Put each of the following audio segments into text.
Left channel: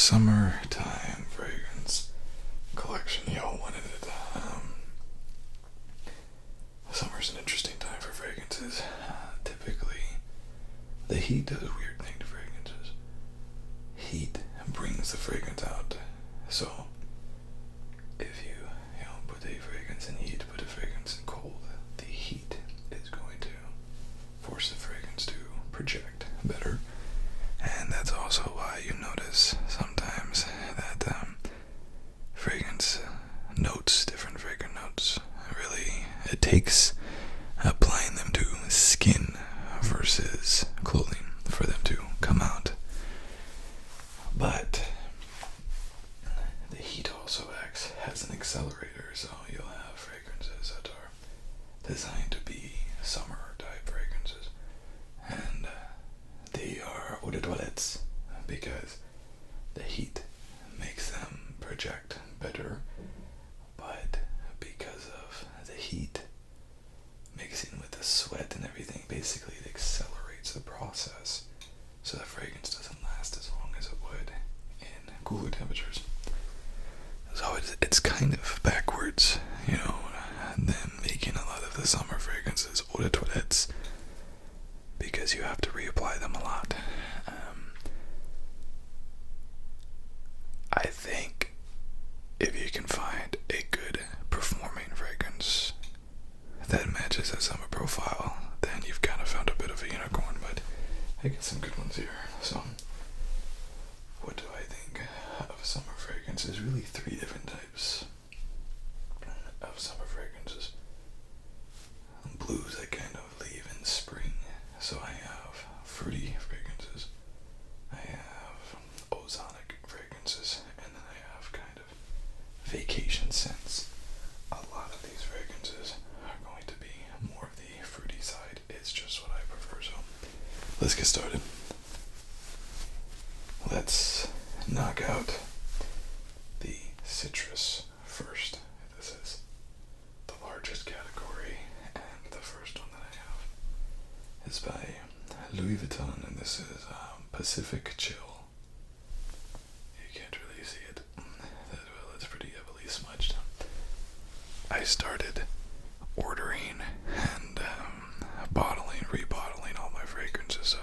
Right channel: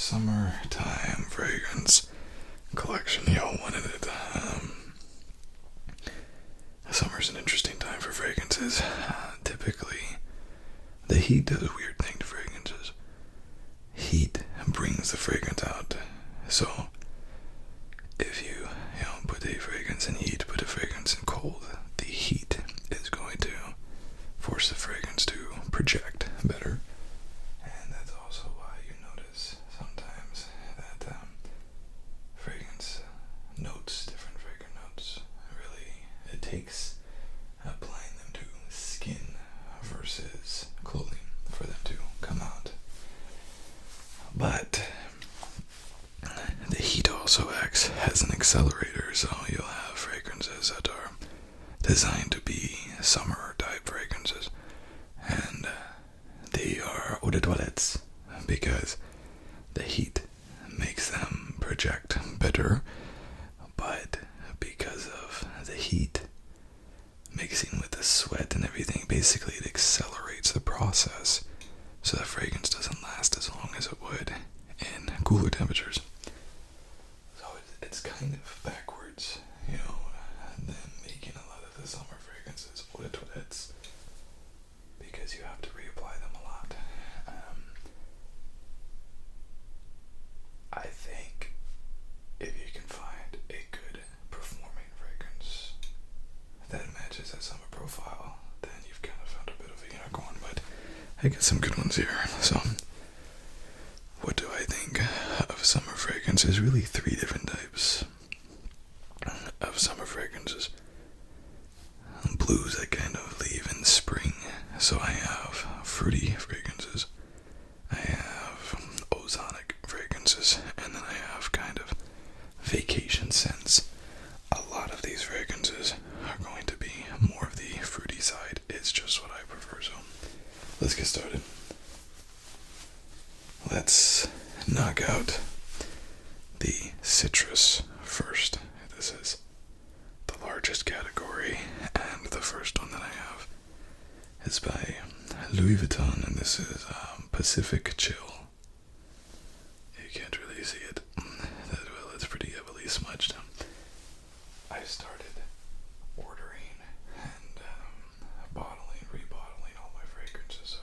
summertime fragrance collection. Y'all wanted it. Summer's an interesting time for fragrances. Typically, the heat does a weird thing to fragrances. Heat brings the fragrance out. So, if you put a fragrance in heat, put a fragrance in cold, the heat is going to force the fragrance to project better. And that's also why you notice sometimes that fragrance notes, different fragrant notes, really, it takes applying them to skin versus clothing for them to come out. But the heat also acts as an accelerator, so you'll have fragrances that are designed to be summer type fragrances, and they are eau de toilettes because the heat makes them project better, but because of the heat mixing with the sweat and everything, basically it accelerates the process, so the fragrance doesn't last as long as it would in cooler temperatures. So it's kind of backwards, them making a lot of the summer fragrances eau de toilettes, because you have to reapply them a lot. I think if you can find a good performing fragrance that matches a summer profile, then you've kind of found a bit of a unicorn. But I get some good ones here. So what do I think of summer fragrance? There's really three different types of summer fragrances. Blues that kind of leave in spring. So I have fruity fragrances, I have ozonic fragrances, and then I have kind of vacation scents. A lot of these fragrances are going to be more of the fruity side. It's just what I prefer. So let's get started. Let's knock out the citrus first. This is the largest category, and the first one that I have is by Louis Vuitton, and this is Pacific Chill. You can't really see it that well, it's pretty heavily smudged. I started ordering and rebottling all my fragrances so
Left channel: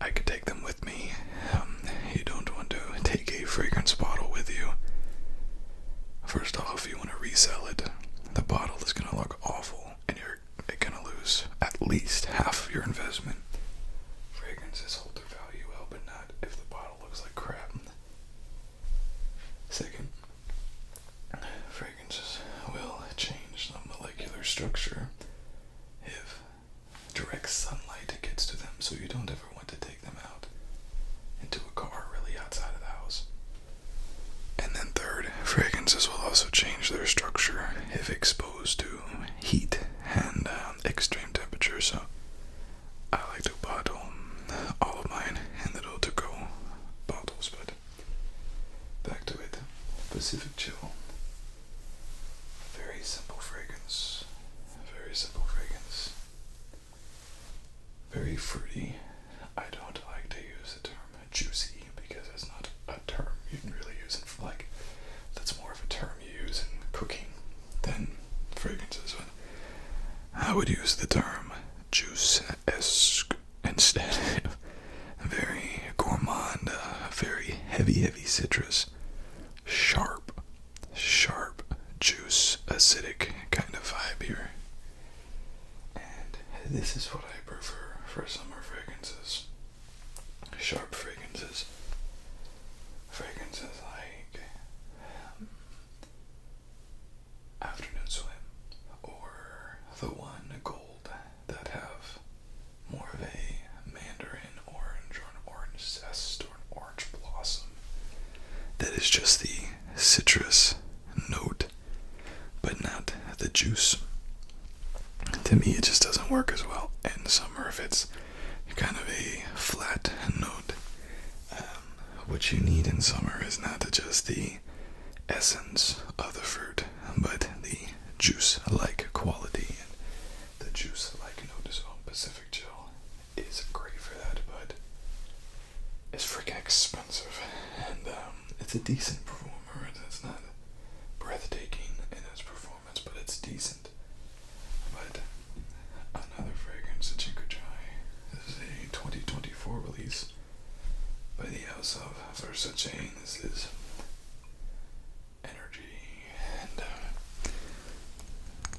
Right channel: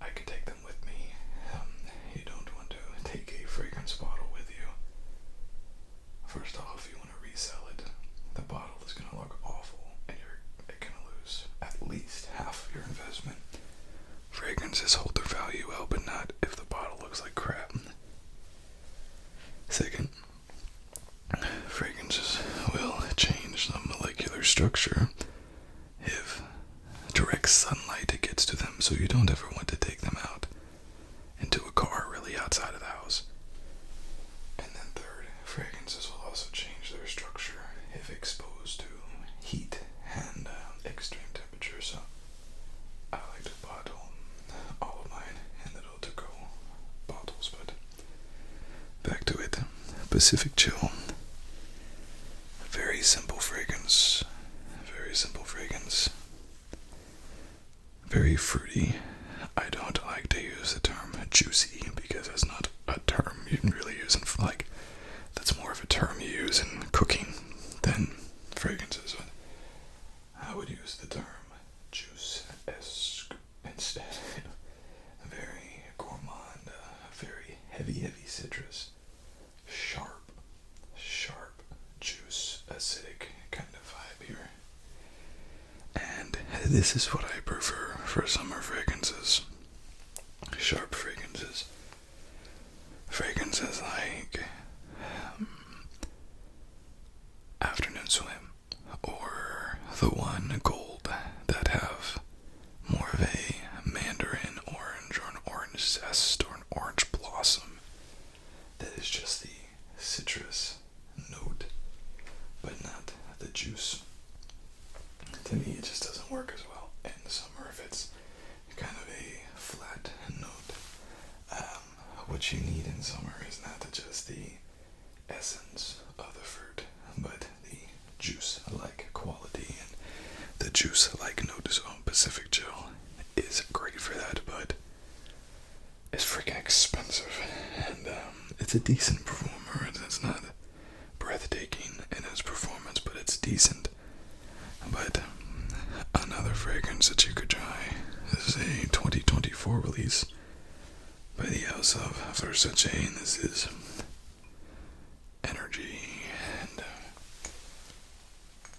I could take them with me. You don't want to take a fragrance bottle with you. First off, if you want to resell it, the bottle is going to look awful, and you're going to lose at least half of your investment. Fragrances hold their value well, but not if the bottle looks like crap. Second, fragrances will change the molecular structure if direct sunlight gets to them, so you don't ever want to take them out into a car really outside of the house. And then third, fragrances will also change their structure if exposed to heat and extreme temperature. So I like to bottle all of mine in little to-go bottles. But back to it. Pacific Chill. Very simple fragrance. Very simple fragrance. Very fruity. I don't like to use the term juicy because it's not a term you can really use in that's more of a term you use in cooking than fragrances. I would use the term juice-esque instead. Very gourmand, very heavy citrus, sharp juice, acidic kind of vibe here. And this is what I prefer for summer fragrances. Sharp fragrances. Fragrances like Afternoon Swim or The One Gold that have more of a mandarin orange or an orange zest or an orange blossom. That is just the citrus note, but not the juice. To me, it just doesn't work as well in summer if it's kind of a flat note. What you need in summer is not just the essence of the fruit, but the juice-like quality and the juice-like note. So Pacific Chill is great for that, but it's freaking expensive. it's a decent performer. It's not breathtaking in its performance, but it's decent. But another fragrance that you could try is a 2024 release by the house of Versace, and this is Energy. And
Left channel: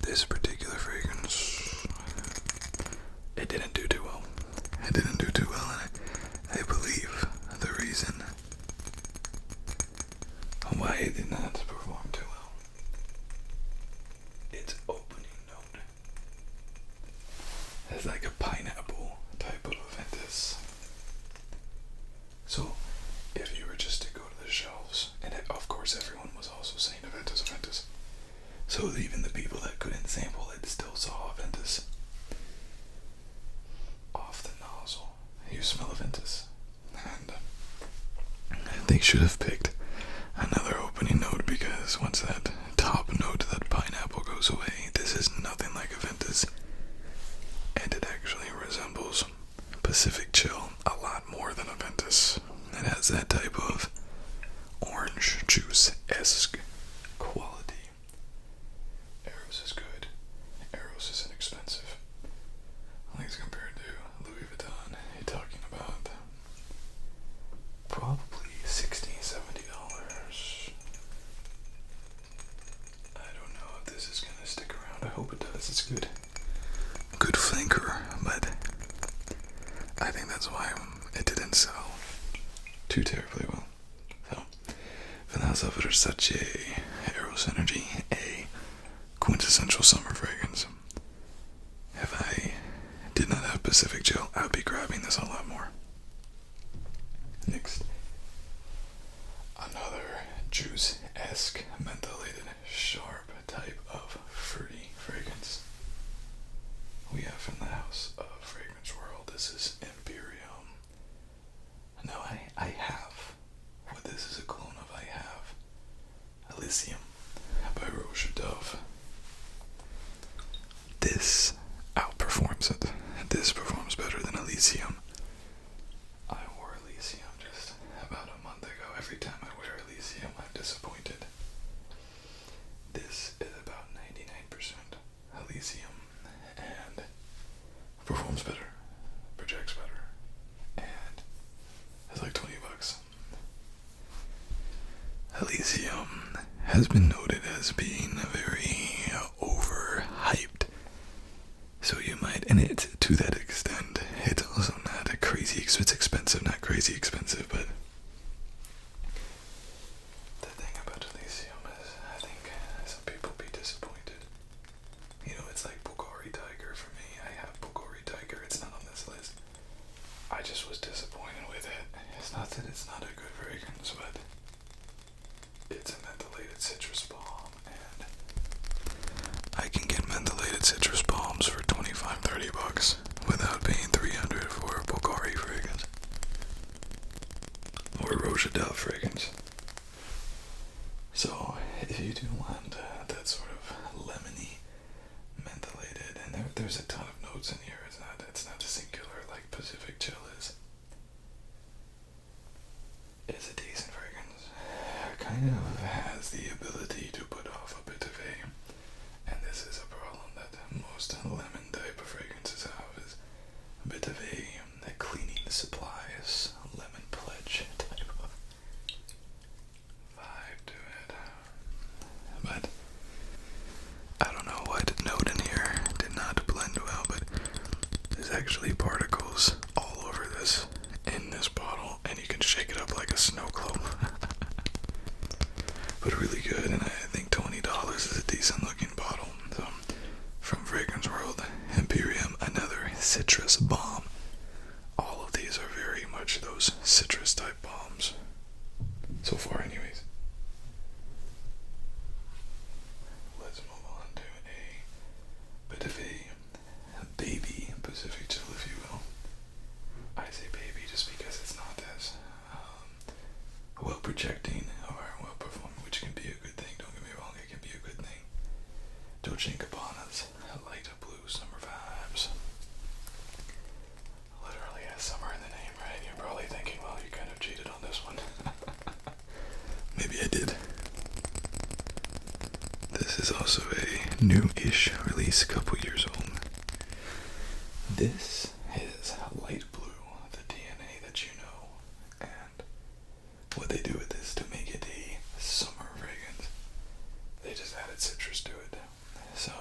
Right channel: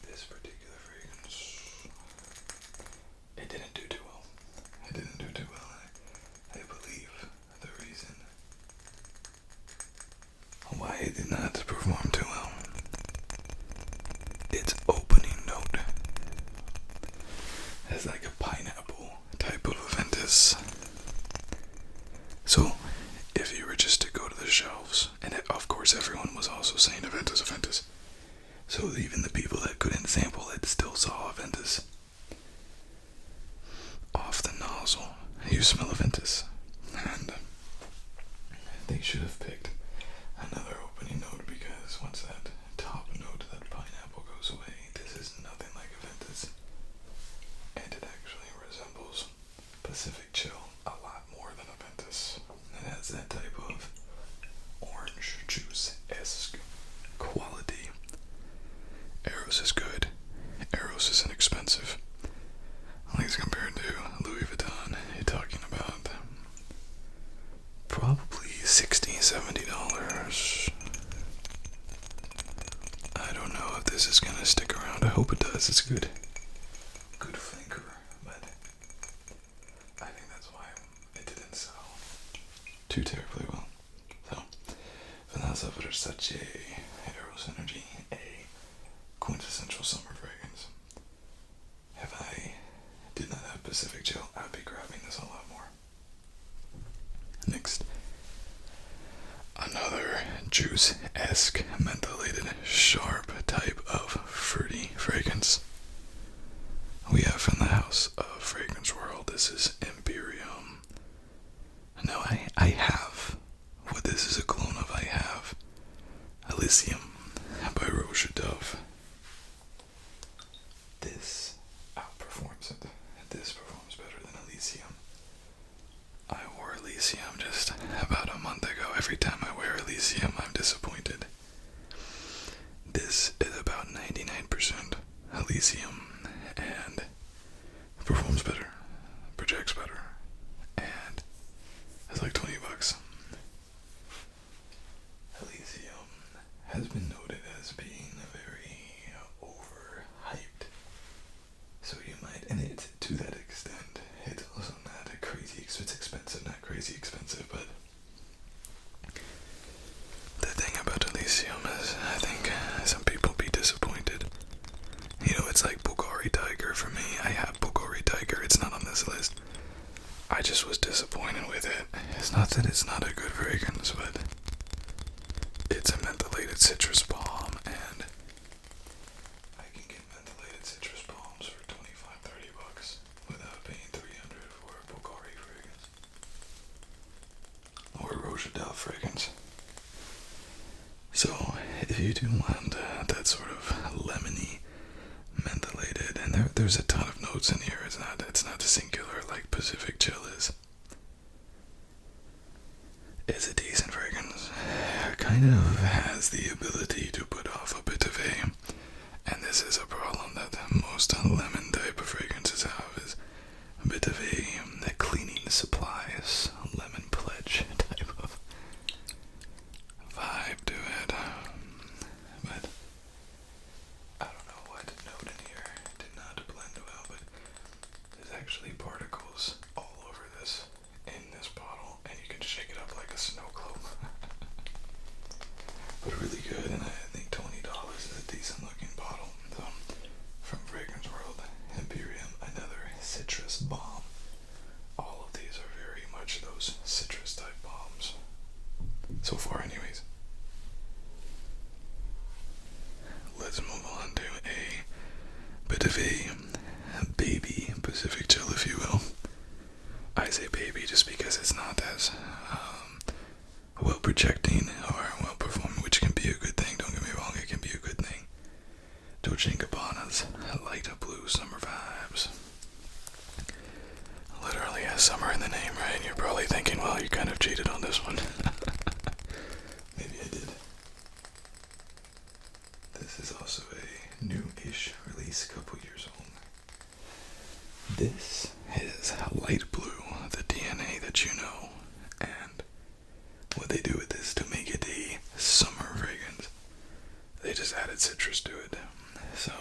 this particular fragrance, it didn't do too well. It didn't do too well, and I believe the reason why it did not perform too well, its opening note is like a pineapple type of Aventus. So, if you were just to go to the shelves, and of course everyone was also saying Aventus, Aventus, so even the people that couldn't sample it still saw Aventus. Off the nozzle, you smell Aventus, and they should have picked another opening note, because once that top note, that pineapple, goes away, this is nothing like Aventus, and it actually resembles Pacific Chill a lot more than Aventus. It has that type of orange juice-esque quality. Eros is good. Eros is inexpensive. At least compared to Louis Vuitton, you're talking about probably $60-$70. I don't know if this is gonna stick around. I hope it does. It's good. Good flanker, but I think that's why it didn't sell too terribly well. So, Vanessa Versace Eros Energy, a quintessential summer fragrance. If I did not have Pacific Chill, I would be grabbing this a lot more. Next, another juice-esque, mentholated, sharp type of fruity fragrance we have in the house of Fragrance World. This is Imperium. Now, I have, what this is a clone of, I have Elysium by Roche Dove. This outperforms it. This performs better than Elysium. I wore Elysium just about a month ago. Every time I wear Elysium, I'm disappointed. This is about 99% Elysium, and performs better, projects better, and it's like $20. Elysium has been noted as being very overhyped, so you might, and it, to that extent, it's also not a crazy, it's expensive, not crazy expensive, but the thing about Elysium is, I think some people be disappointed. You know, it's like Bulgari Tiger for me. I have Bulgari Tiger, it's not on this list. I just was disappointed with it. It's not that it's not a good fragrance, but it's a mentholated citrus balm, and I can get mentholated citrus balms for $25-$30 without paying $300 for a Bulgari fragrance or a Roche Dove fragrance. So if you do want that sort of lemony, mentholated, and there's a ton of notes in here. It's not singular like Pacific Chill is. It's a decent fragrance. It kind of has the ability to put off a bit of and this is a problem that most lemon type of fragrances have, is a bit of a cleaning supplies, lemon pledge type of vibe to it. But I don't know what note in here did not blend well, but there's actually particles all over this, in this bottle, and you can shake it up like a snow globe. But really good, and I think $20 is a decent looking bottle. So, from Fragrance World, Imperium, another citrus balm. All of these are very much those citrus type balms. So far, anyways. Let's move on to a bit of a baby Pacific Chill, if you will. I say baby just because it's not as well projecting or well performing, which can be a good thing. Don't get me wrong, it can be a good thing. Dolce & Gabbana's light blue summer vibes. Literally has summer in the name, right? You're probably thinking, well, you kind of cheated on this one. new-ish release, a couple years old. This is light blue, the DNA that you know, and what they do with this to make it a summer fragrance, they just added citrus to it. So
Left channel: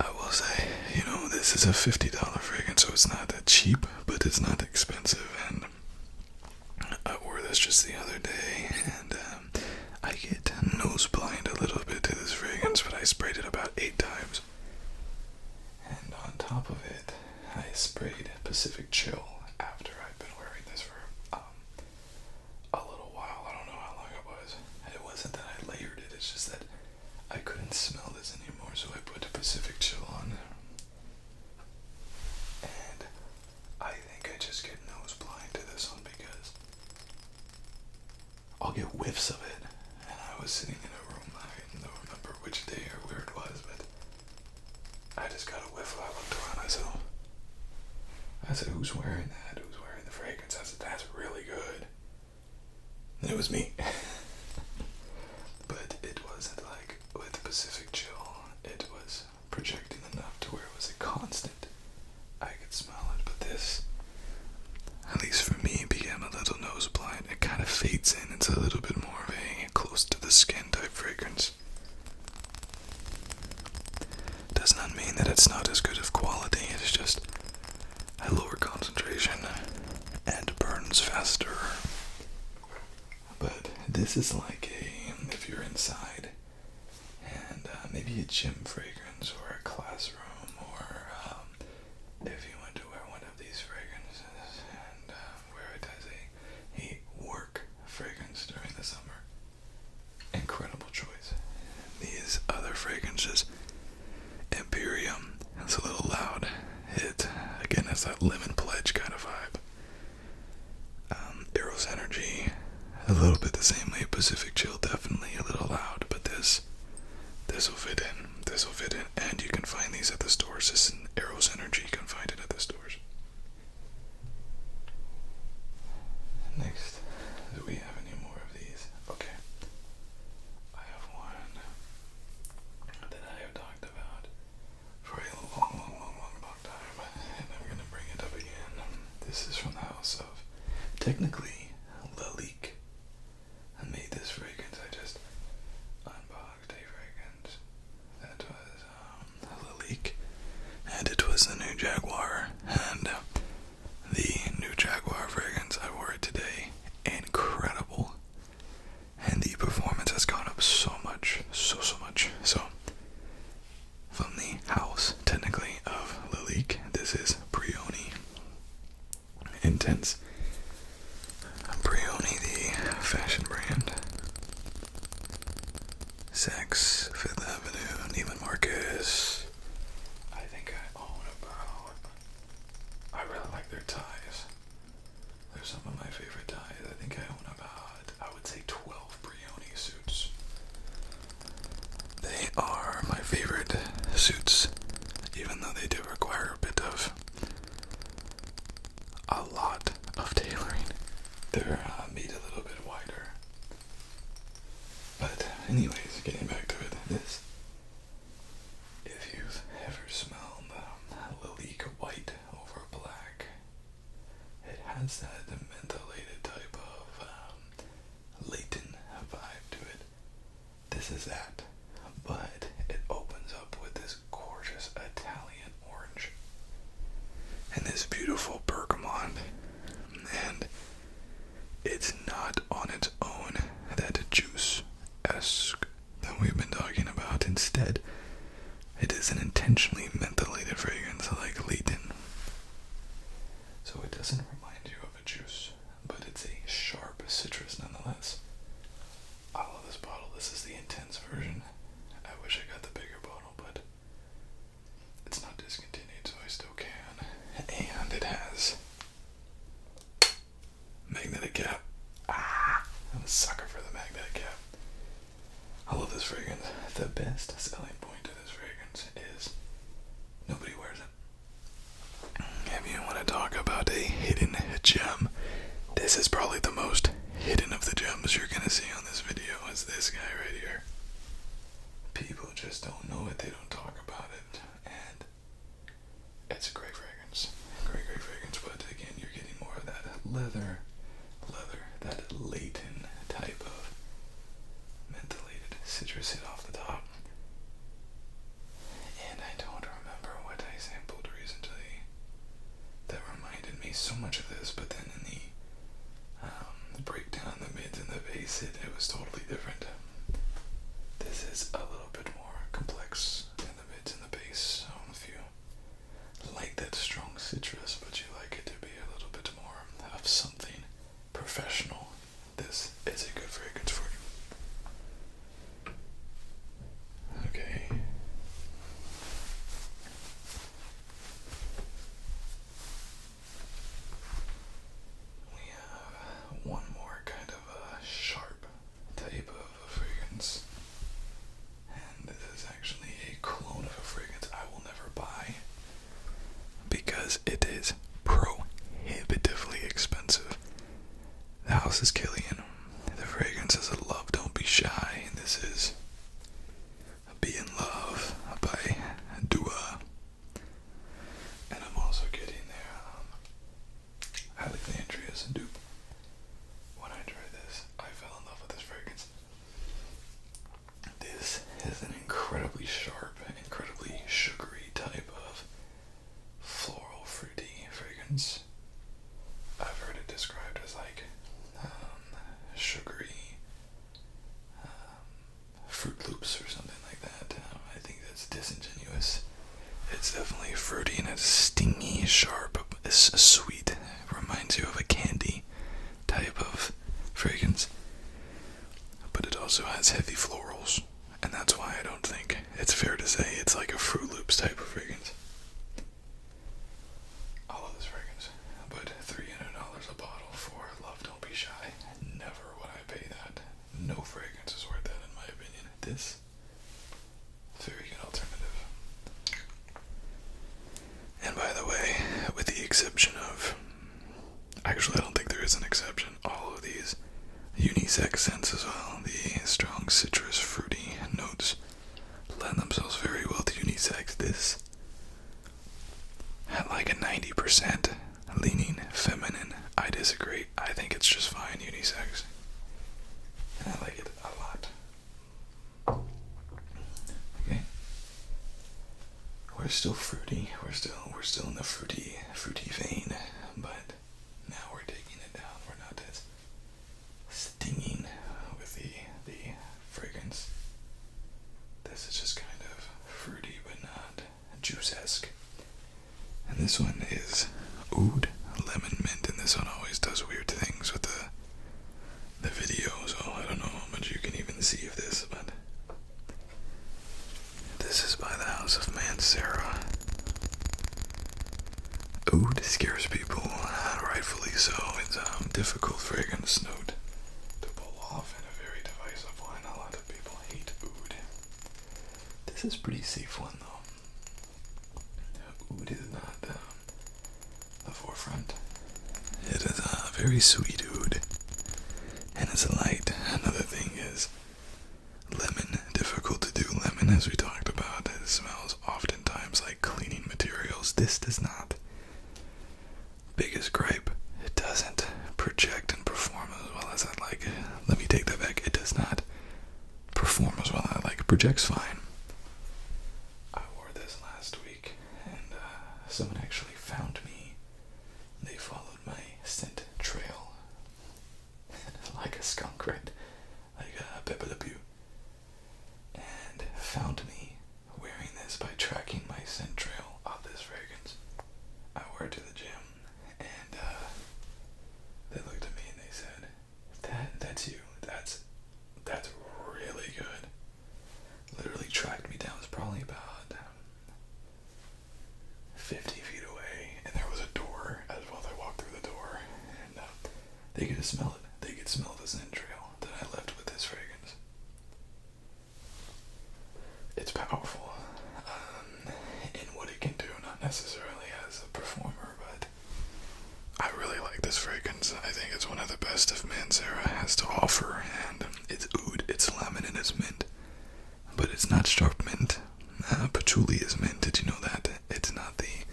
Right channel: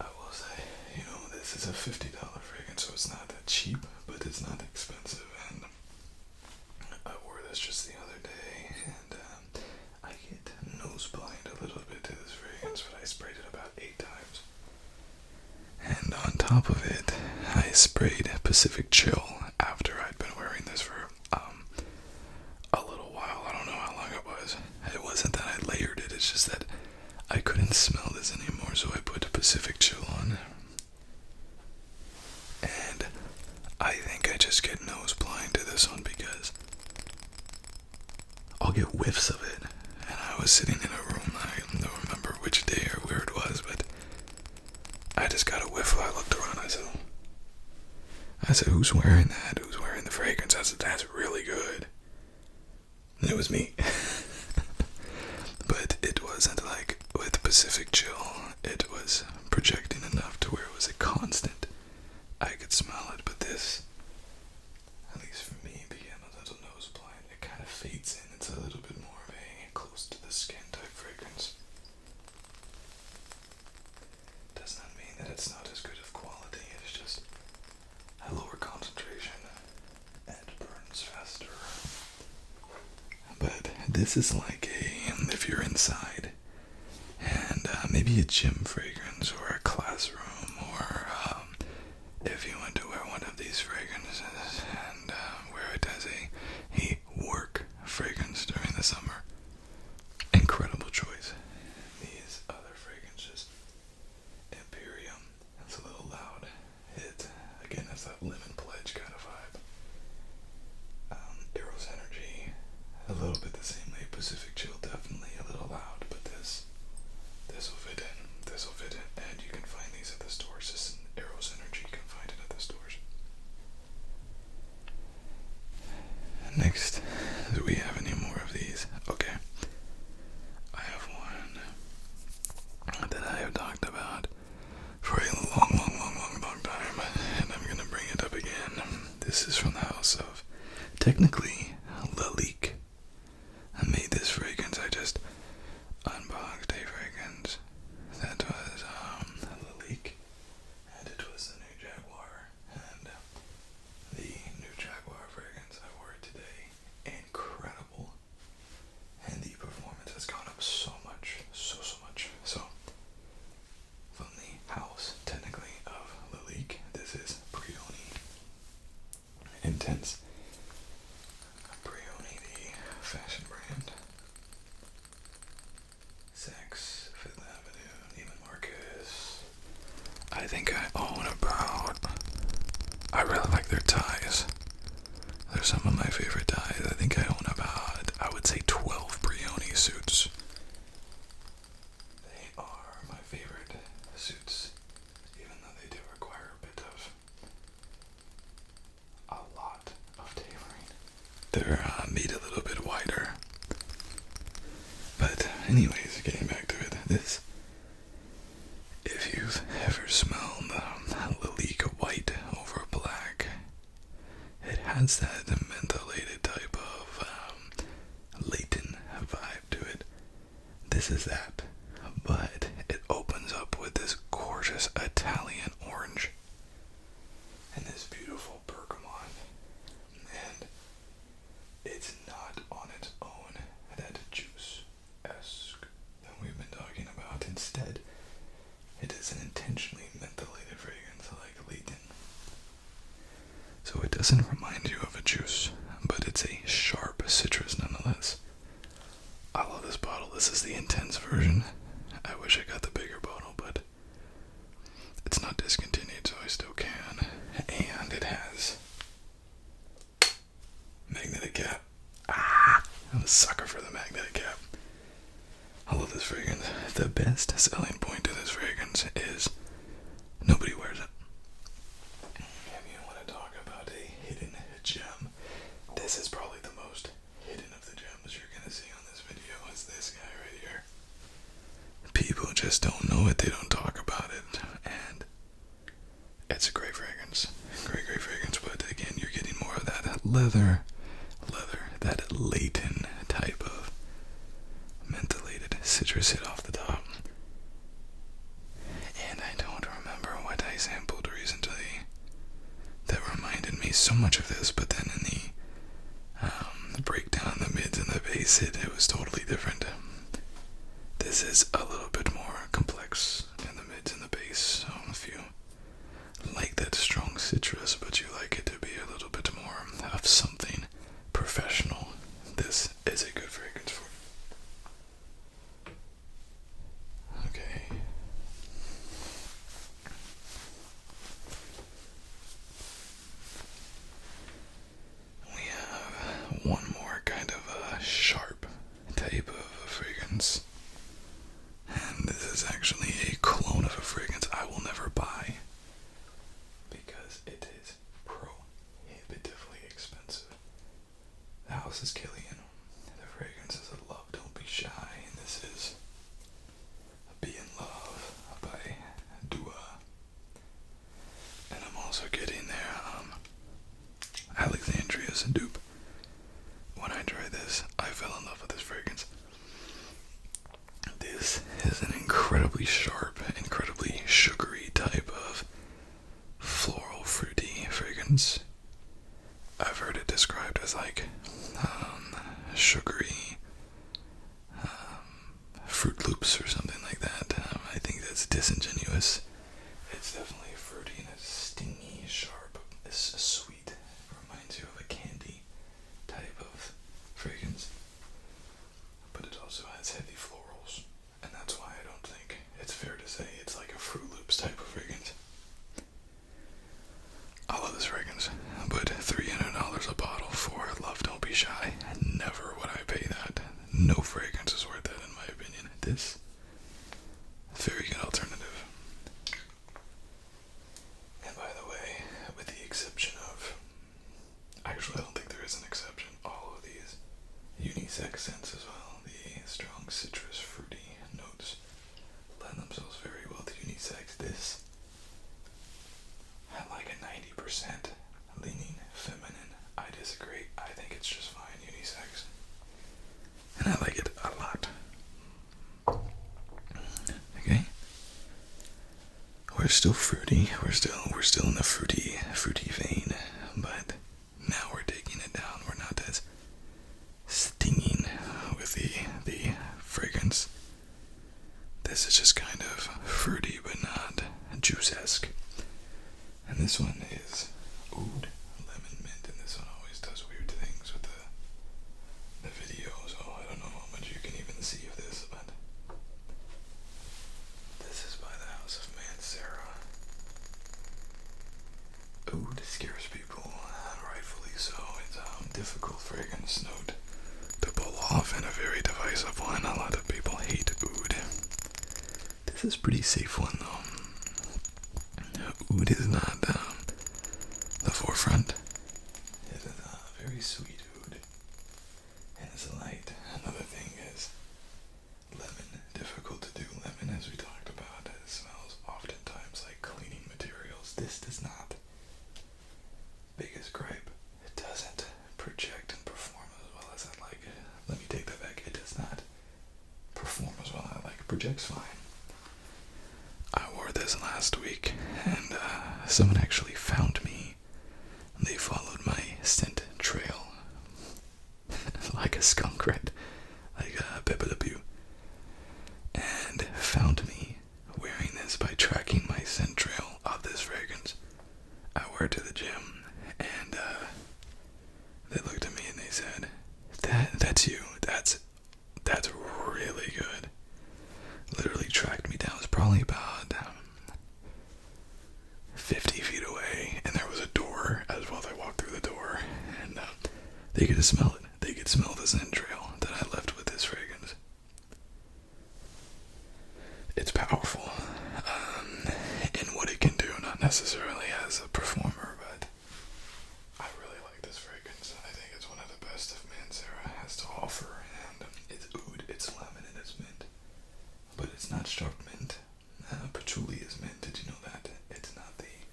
I will say, you know, this is a $50 fragrance, so it's not that cheap, but it's not expensive. And I wore this just the other day, and I get nose blind a little bit to this fragrance, but I sprayed it about 8 times. And on top of it, I sprayed Pacific Chill after I'd been wearing this for a little while. I don't know how long it was. It wasn't that I layered it, it's just that I couldn't smell this anymore, so I put Pacific Chill on. And I think I just get nose blind to this one because I'll get whiffs of it. And I was sitting in a room, I don't remember which day or where it was, but I just got a whiff while I looked around. I said, who's wearing that? Who's wearing the fragrance? I said, that's really good. And it was me. But it wasn't like with Pacific Chill, it was projecting enough to where it was a constant. I could smell it, but this, at least for me, became a little nose blind. It kind of fades in. It's a little bit more of a close to the skin type fragrance. Does not mean that it's not as good of quality. It's just a lower concentration and burns faster. But this is like if you're inside and maybe a gym fragrance or a classroom, or if you want to wear one of these fragrances and wear it as a work fragrance during the summer. Incredible choice. These other fragrances, Imperium, it's a little loud. It, again, has that lemon pledge kind of vibe. Eros Energy, a little bit the same way. Pacific Chill, definitely a little loud, but this will fit in. This will fit in, and you can find these at the stores. This is Eros Energy, you can find it at the stores. Next, do we have any more of these? Okay. I have one that I have talked about for a long time, and I'm gonna bring it up again. This is from the house of, technically, Lalique. I made this fragrance. I just unboxed a fragrance that was Lalique, and it was the new Jaguar. And the new Jaguar fragrance, I wore it today. Incredible, and the performance has gone up so much, so much. So from the house, technically, of Lalique, this is Brioni Intense. Brioni, the fashion brand. Saks, Fifth Avenue, Neiman Marcus. I think I own about, I really like their ties. They're some of my favorite ties. I think I own about, I would say 12 Brioni suits. They are my favorite suits, even though they do require a bit of, a lot of tailoring. They're made a little bit wider. But anyways, getting back to it, this, if you've ever smelled Lalique white over black, it has that mentholated type of latent vibe to it. This is that, but it opens up with this gorgeous Italian orange and this beautiful bergamot, and it's not on its own that juice-esque that we've been talking about. Instead, it is an intentionally mentholated fragrance like Leighton. So it doesn't remind you of a juice, but it's a sharp citrus nonetheless. I love this bottle. This is the Intense version. I wish I got the bigger bottle, but it's not discontinued, so I still can. And it has magnetic cap. I'm a sucker for the magnetic cap. I love this fragrance. The best selling point to this fragrance is nobody wears it. If you want to talk about a hidden gem, this is probably the most hidden of the gems you're going to see on this video, is this guy right here. leather, that latent type of mentholated citrus hit off the top. And I don't remember what I sampled recently that reminded me so much of this, but then in the breakdown, the mids and the bass, it was totally different. This is a little bit more complex in the mids and the bass, so if you like that strong citrus, but you like it to be a little bit more of something professional, this is a good fragrance for you. Okay. We have one more kind of a sharp type of fragrance. And this is actually a clone of a fragrance I will never buy because it is prohibitively expensive. The house is Killian. The fragrance is a Love Don't Be Shy, and this is Be in Love by Dua. And I'm also getting their Alexandria's dupe. When I tried this, I fell in love with this fragrance. This is an incredibly sharp, incredibly sugary type of floral fruity fragrance. I've heard it described as like sugary Fruit Loops or something like that. I think that's disingenuous. It's definitely fruity and it's stingy, sharp, it's sweet. Reminds you of a candy type of fragrance. But it also has heavy florals, and that's why I don't think it's fair to say it's like a Fruit Loops type of fragrance. I love this fragrance, but $300 a bottle for Love Don't Be Shy, never would I pay that. No fragrance is worth that in my opinion. This, very good alternative. And by the way, with the exception of, actually I don't think there is an exception, all of these unisex scents as well, the strong citrus fruity notes lend themselves very well to unisex. This had like a 90% leaning feminine. I disagree. I think it's just fine unisex, and I like it a lot. Okay, we're still fruity. We're still in the fruity vein, but now we're taking it down. We're not as stinging with the fragrance. This is just kind of fruity, but not juice-esque. And this one is Oud Lemon Mint, and this one always does weird things with the video, so I don't know how much you can even see of this, but this is by the house of Mancera. Oud scares people, rightfully so. It's a difficult fragrance note to pull off and a very divisive one. A lot of people hate Oud. This is a pretty safe one though. Oud is not the forefront. It is a very sweet oud, and it's light. Another thing is lemon. Difficult to do lemon, as we talked about. It smells oftentimes like cleaning materials. This does not. Biggest gripe, it doesn't project and perform as well as I'd like. Let me take that back. It does not perform as well as I'd like. It projects fine. I wore this last week, and someone actually found me. They followed my scent trail like a skunk, right? Like a Pepe Le Pew. And found me wearing this by tracking my scent trail of this fragrance. I wore it to the gym, and they looked at me and they said, that's you. That's really good. Literally tracked me down. It was probably about 50 feet away, and there was a door as well. They walked through the door, and they could smell it. They could smell the scent trail that I left with this fragrance. It's powerful in what it can do, not necessarily as a performer, but I really like this fragrance. I think it's one of the best of Mancera has to offer, and it's oud, it's lemon, and it's mint. But it's not sharp mint. Patchouli is mint. Did you know that? It's not the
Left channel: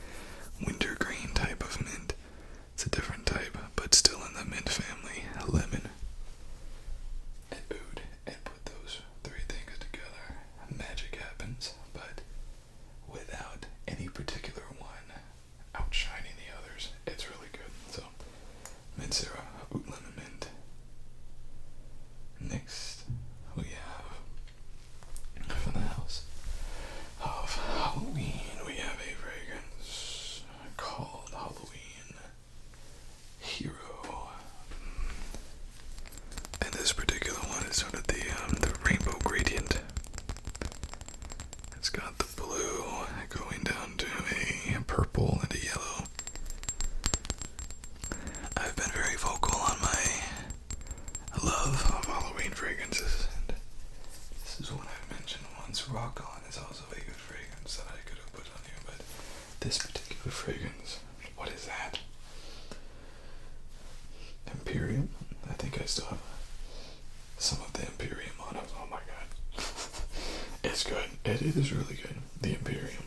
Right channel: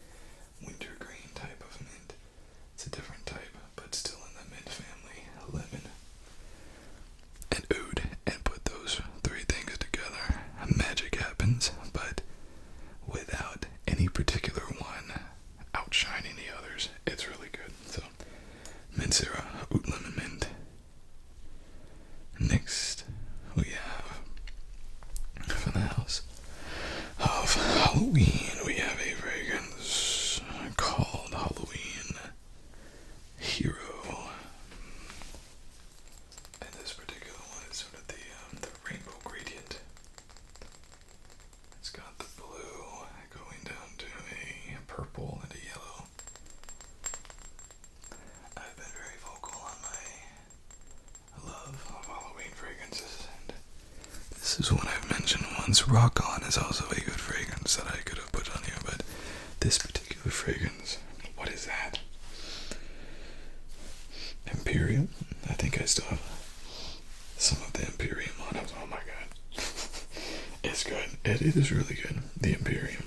wintergreen type of mint. It's a different type, but still Rock On is also a good fragrance that I could have put on here, but this particular fragrance, what is that? Imperium? I think I still have some of the Imperium on it. Oh my god. It's good. It is really good. The Imperium.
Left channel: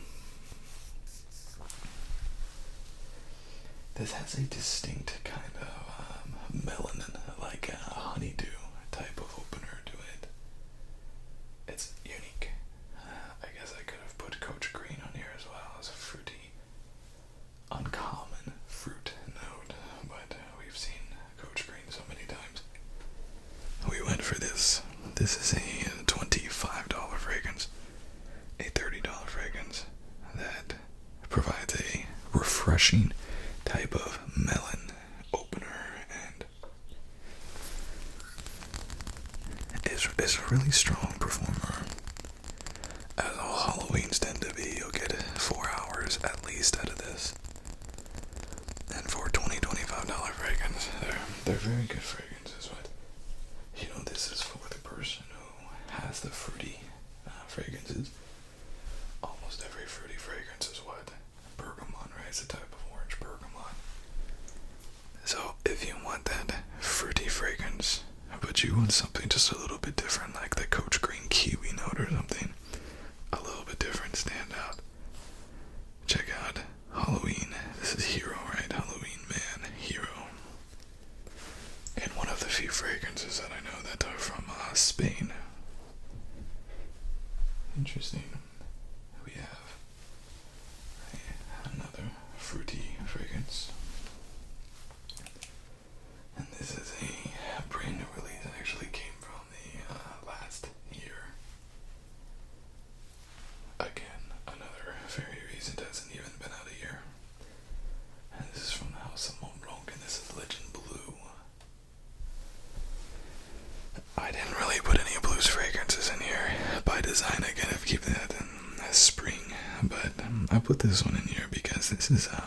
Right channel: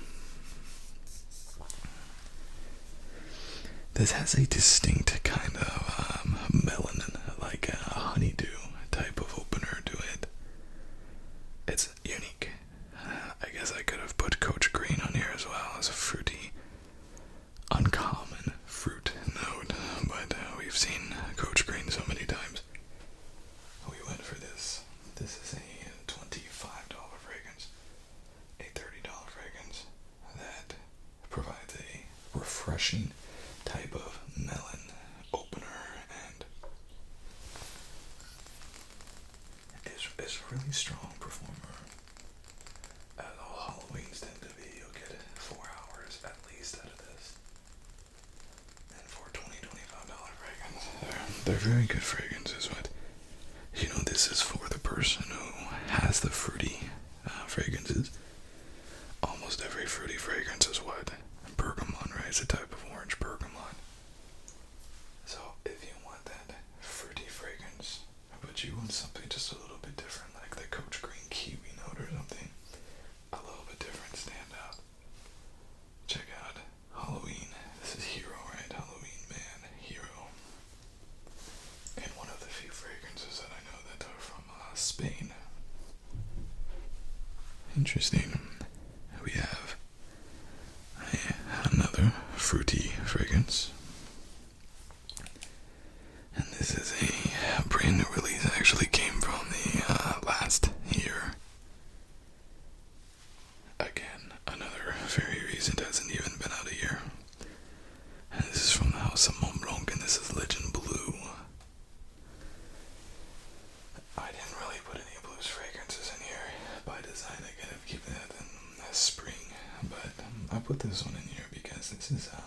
This has a distinct kind of melanin, like a honeydew type of opener to it. It's unique. I guess I could have put Coach Green on here as well as a fruity, uncommon fruit note, but we've seen Coach Green so many times. We went for this. This is a $25 fragrance, a $30 fragrance that provides a refreshing type of melon opener, and is a really strong performer. As all Halloweens tend to be, you'll get 4 hours at least out of this. And for $25 fragrance, they're very good fragrances, but you know, this is for the person who has the fruity fragrances. Almost every fruity fragrance is what? Bergamot, right? It's a type of orange bergamot. So if you want that fruity fragrance, but you want something just a little bit different, like the Coach Green kiwi note or something, a little bit different, stand out, check out Halloween. This is Hero, right? Halloween Man, Hero. And one of the few fragrances that I know that are from Spain. Interesting. We have another fruity fragrance. And this is a brand new release. It actually came from the last year. Again, another very recent, hasn't even been out a year. And this is from the house of Mont Blanc, and this is Legend Blue. I didn't really put any blues fragrances in here by design. Again, I've kept that in spring, but I put this one in here because this is a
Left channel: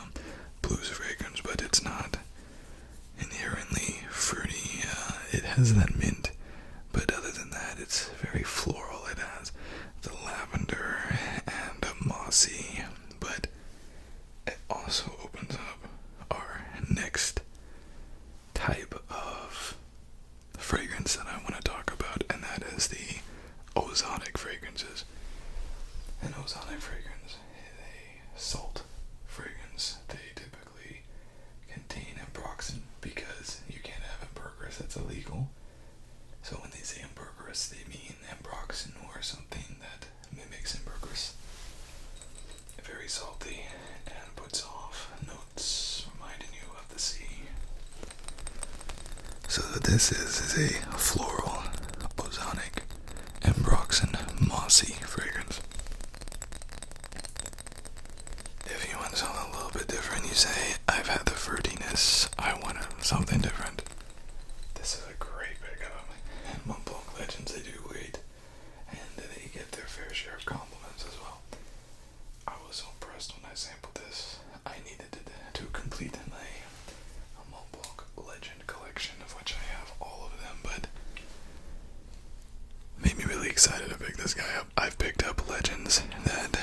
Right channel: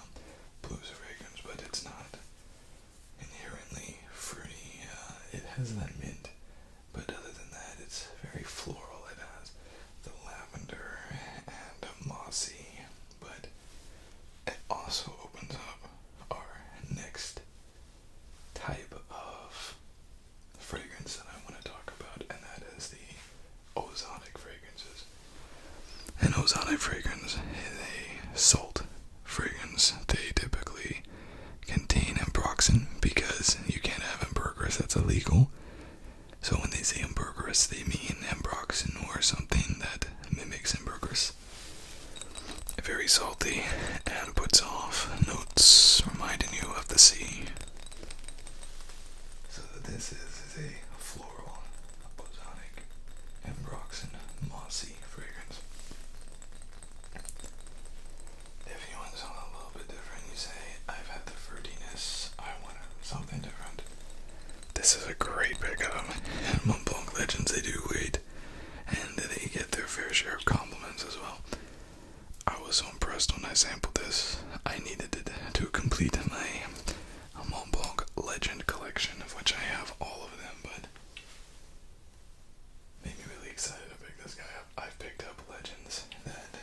blues fragrance, but it's not inherently fruity. It has that mint, but other than that, it's very floral. It has the lavender and a mossy, but it also opens up our next type of fragrance that I want to talk about, and that is the ozonic fragrances. An ozonic fragrance is a salt fragrance. They typically contain ambroxan because you can't have ambergris, that's illegal. So when they say ambergris, they mean ambroxan or something that mimics ambergris. Very salty and puts off notes reminding you of the sea. So this is a floral, ozonic, ambroxan, mossy fragrance. If you want something a little bit different, you say, I've had the fruitiness, I want something different. This is a great pickup. And Mont Blanc Legends, they do great, and they get their fair share of compliments as well. I was so impressed when I sampled this. I needed it to complete my Mont Blanc Legend collection, of which I have all of them, but made me really excited to pick this guy up. I've picked up Legends that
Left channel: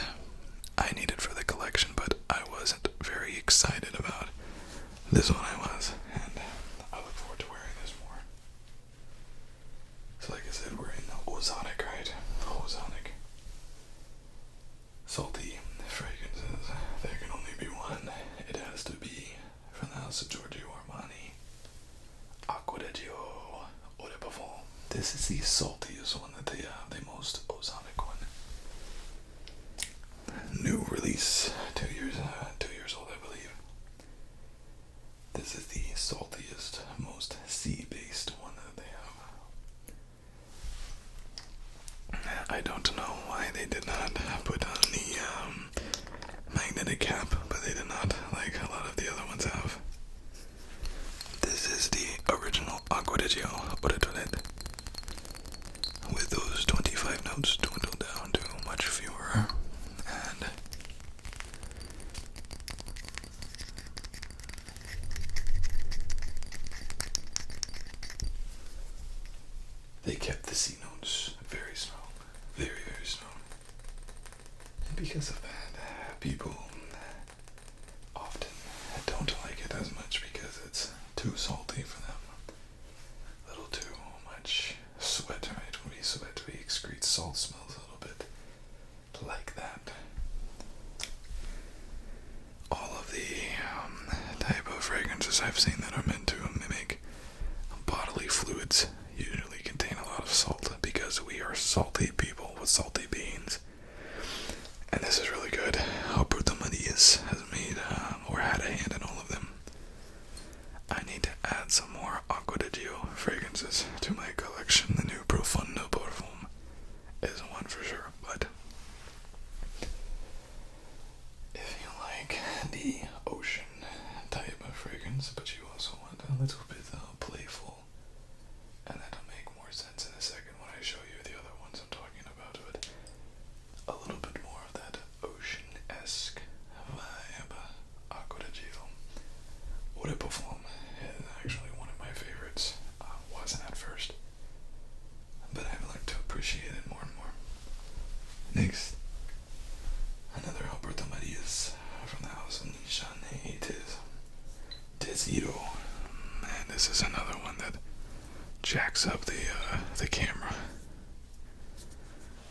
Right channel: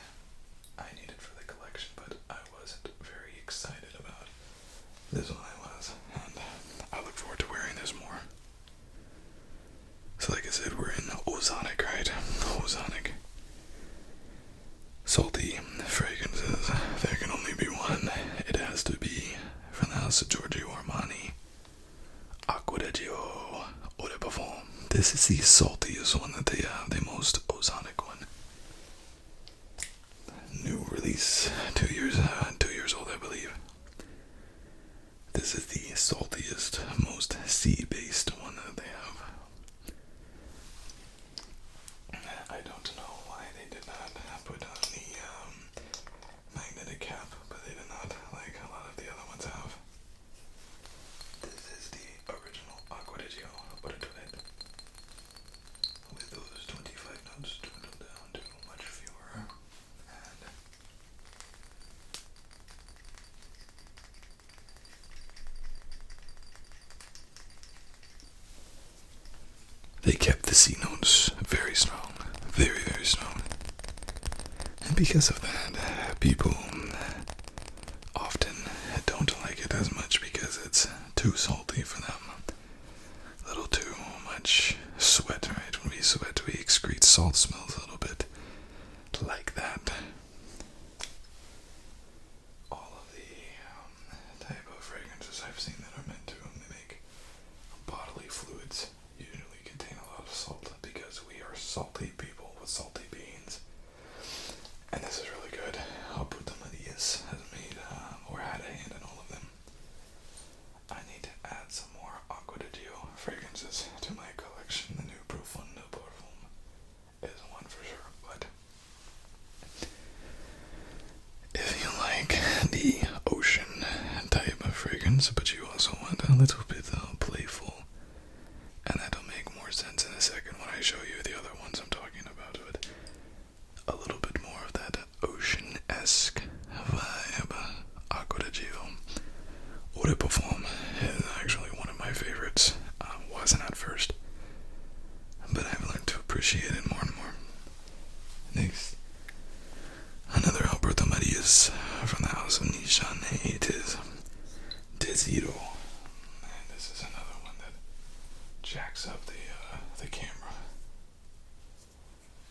I needed for the collection, but I wasn't very excited about. This one I was, and I look forward to wearing this more. So like I said, we're in ozonic, right? Ozonic. Salty fragrances. There can only be one. It has to be from the house of Giorgio Armani. Acqua di Gio Eau de Parfum. This is the saltiest one that they have, the most ozonic one. New release, 2 years old, I believe. This is the saltiest, most sea-based one that they have. I don't know why they did not put on the magnetic cap, but they did not, like a lot of the other ones have. This is the original Acqua di Gio Eau de Toilette, with those 25 notes dwindled down to much fewer, and they kept the C notes very strong, very, very strong. because of that, people often don't like it as much because it's too salty for them. A little too much sweat, right? When we sweat, we excrete salt smells a little bit like that. All of the type of fragrances I've seen that are meant to mimic bodily fluids usually contain a lot of salt because we are salty people with salty beans. And this is really good. Alberto Marias has made or had a hand in all of them. I need to add some more Acqua di Gio fragrances to my collection. The new Profondo Parfum is one for sure, but if you like the ocean type of fragrance, but you also want a little bit playful, and that'll make more sense in a second when I show you the other ones I'm talking about, but a little bit more of that ocean-esque vibe. Acqua di Gio Eau de Parfum is actually one of my favorites. Wasn't at first, but I've learned to appreciate it more and more. Next, another Alberto Marias from the house of Nishane Deziro, and this is another one that jacks up the camera.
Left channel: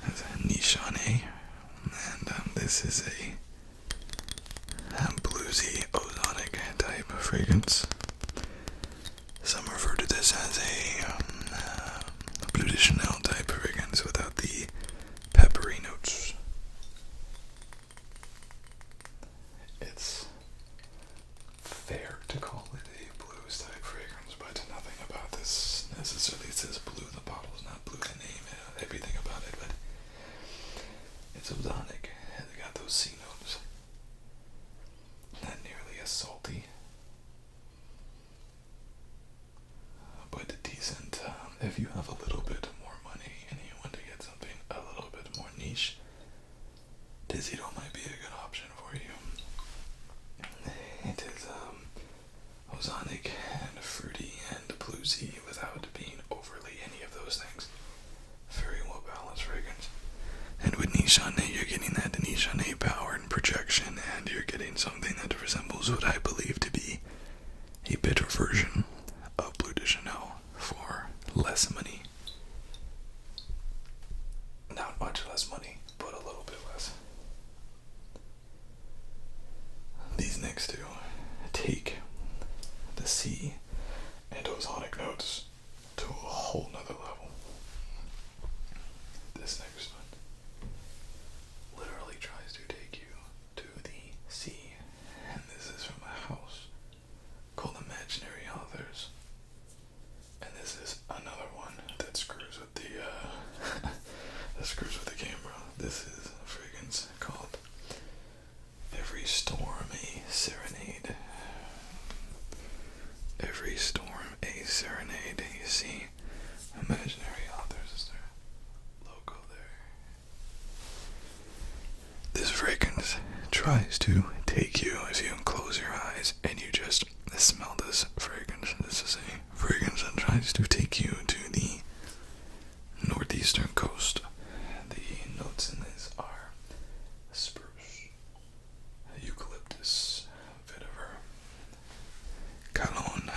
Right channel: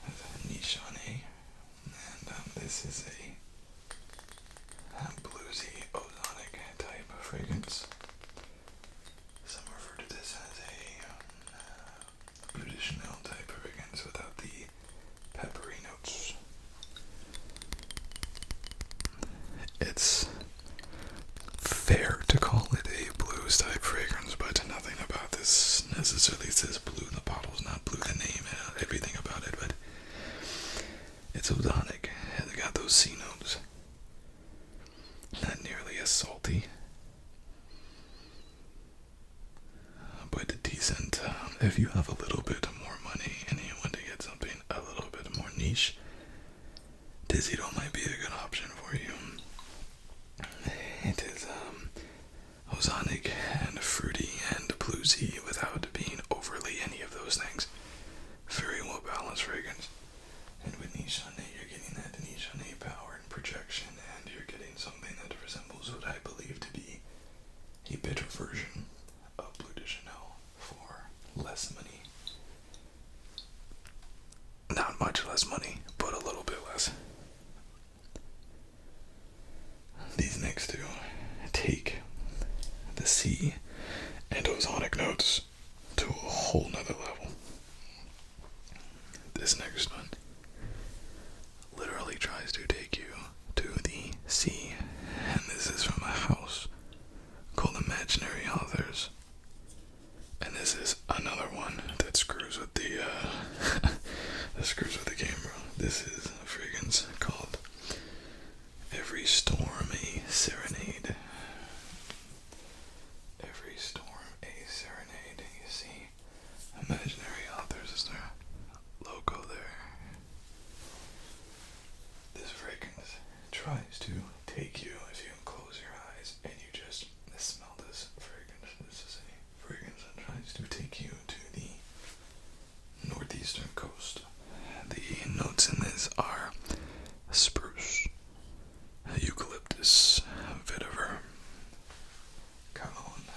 It's Nishane, and this is a bluesy ozonic type of fragrance. Some refer to this as a Bleu de Chanel type fragrance without the peppery notes. It's fair to call it a blues type fragrance, but nothing about this necessarily says blue. The bottle's not blue, the name, everything about it, but it's ozonic. It's got those C notes. Not nearly as salty, but decent. If you have a little bit more money and you want to get something a little bit more niche, Deziro might be a good option for you. It is ozonic and fruity and bluesy without being overly any of those things. Very well balanced fragrance. And with Nishane, you're getting that Nishane power and projection, and you're getting something that resembles what I believe to be a better version of Bleu de Chanel for less money. Not much less money, but a little bit less. These next two take the sea and ozonic notes to a whole nother level. This next one literally tries to take you to the sea, and this is from a house called Imaginary Authors, and this is another one that screws with the camera. This is a fragrance called Every Storm a Serenade. Every Storm a Serenade. You see Imaginary Authors is their logo there. This fragrance tries to take you, if you close your eyes and you just smell this fragrance. This is a fragrance that tries to take you to the northeastern coast. The notes in this are spruce, eucalyptus, vetiver, Cologne,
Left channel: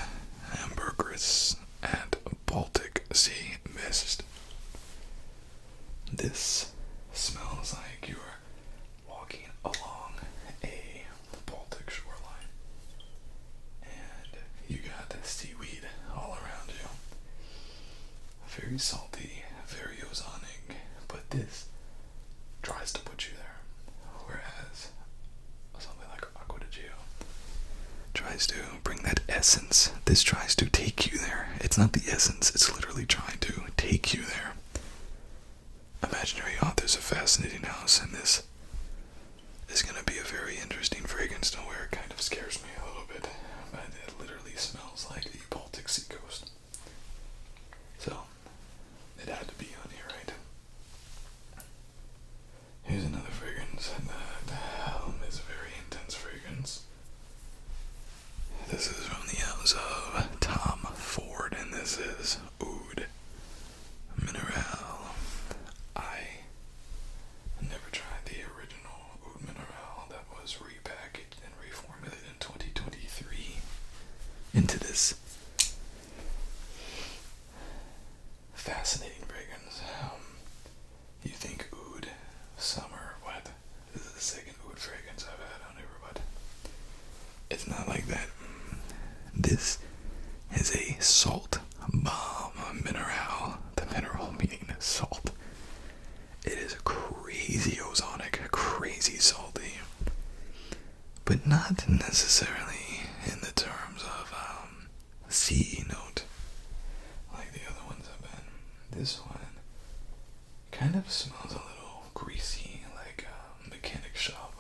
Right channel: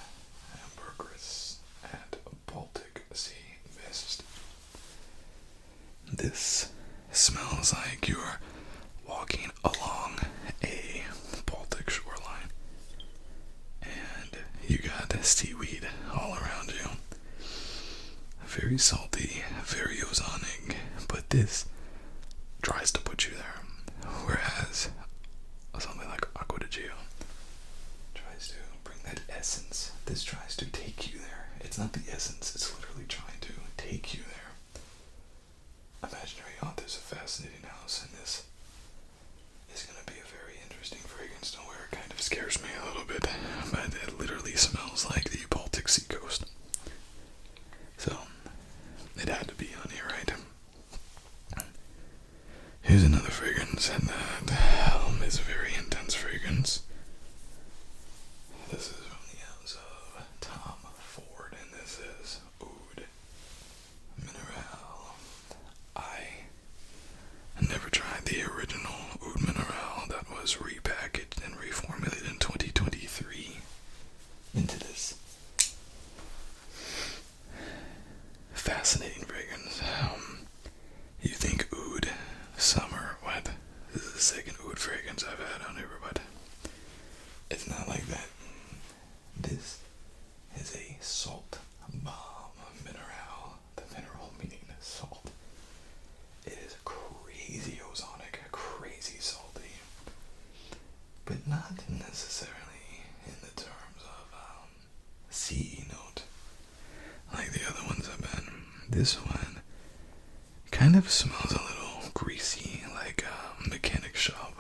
ambergris, and Baltic Sea mist. This smells like you're walking along a Baltic shoreline, and you got seaweed all around you. Very salty, very ozonic, but this tries to put you there, whereas something like Acqua di Gio tries to bring that essence. This tries to take you there. It's not the essence, it's literally trying to take you there. Imaginary Authors, a fascinating house, and this is going to be a very interesting fragrance to wear. It kind of scares me a little bit, but it literally smells like the Baltic Sea coast. So, it had to be on here, right? Here's another fragrance, and that is a very intense fragrance. This is from the house of Tom Ford, and this is Oud Minerale. I never tried the original into this fascinating fragrance. You think oud, summer, what? This is the second oud fragrance I've had on here, but it's not like that. This is a salt bomb mineral. The mineral meaning salt. It is crazy ozonic, crazy salty, but not necessarily in the terms of sea note like the other ones have been. This one kind of smells a little greasy, like a mechanic shop.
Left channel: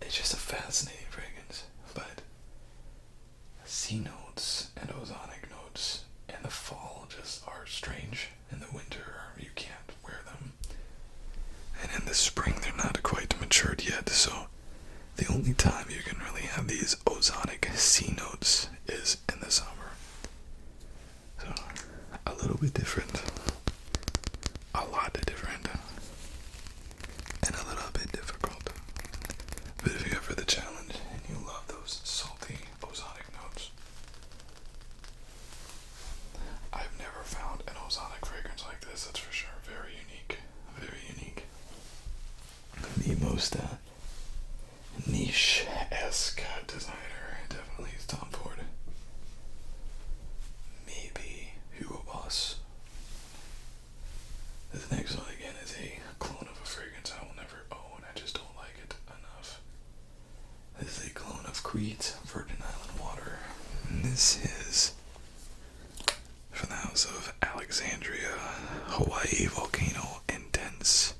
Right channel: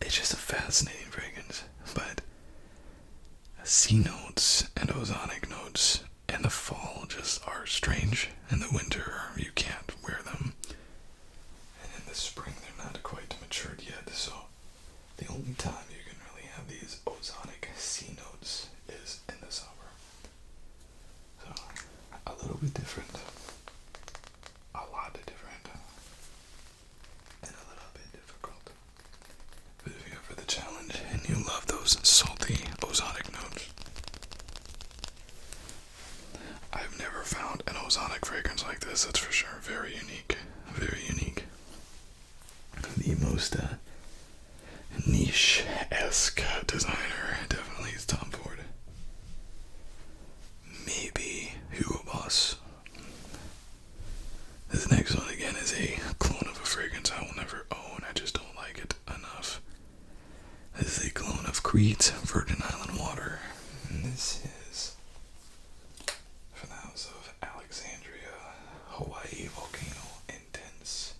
It's just a fascinating fragrance, but sea notes and ozonic notes in the fall just are strange. In the winter, you can't wear them. And in the spring, they're not quite matured yet, so the only time you can really have these ozonic sea notes is in the summer. So, a little bit different. A lot different. And a little bit difficult. But if you're up for the challenge and you love those salty ozonic notes, I've never found an ozonic fragrance like this, that's for sure. Very unique. Very unique. The most niche-esque designer definitely is Tom Ford. Maybe Hugo Boss. This next one again is a clone of a fragrance I will never own. I just don't like it enough. This is a clone of Creed's Virgin Island Water. And this is from the house of Alexandria, Hawaii Volcano Intense.